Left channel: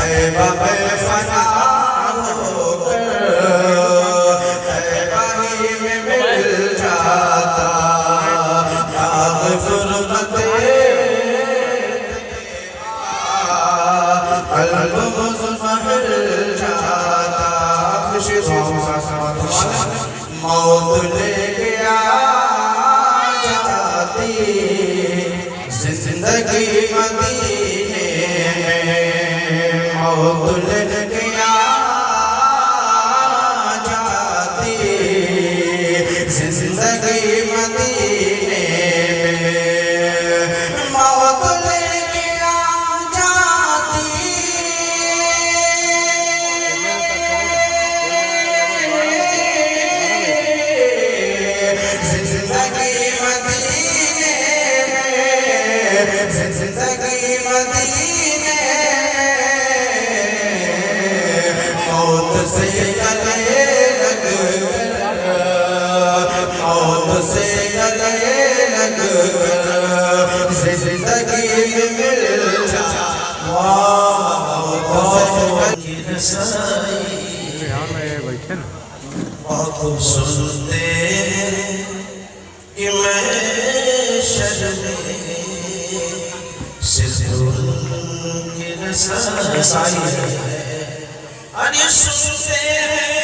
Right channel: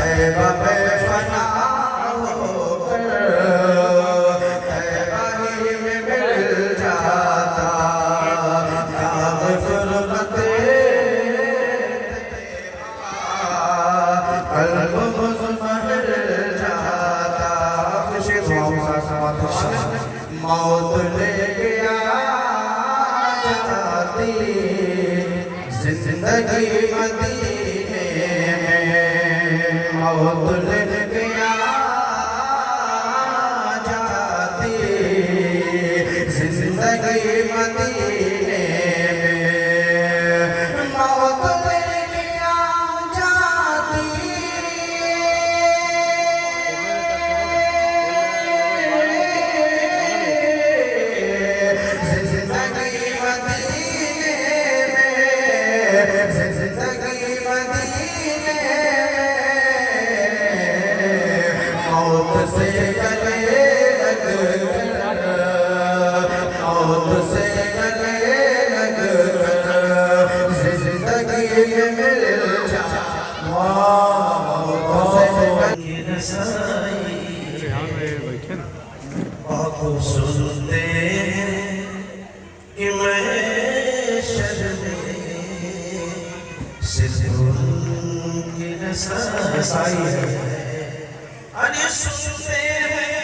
طیبہ میں فنا ہو کر طیبہ ہی میں مل جاتا داغ غربت قلب مضمحل جاتا موت لے گیا جاتی زندگی مدینے میں موت لے گیا جاتی زندگی مدینے میں موت لے گیا جاتی زندگی مدینے میں زندگی مدینے موت سے گلے لگ کر موت سے گلے لگ کر زندگی میں مل جا موت سے گلے رسائی آنکھوں سنتے ہیں کہ میں شرمے صرف ان کی رسائی ہے سنتے ہیں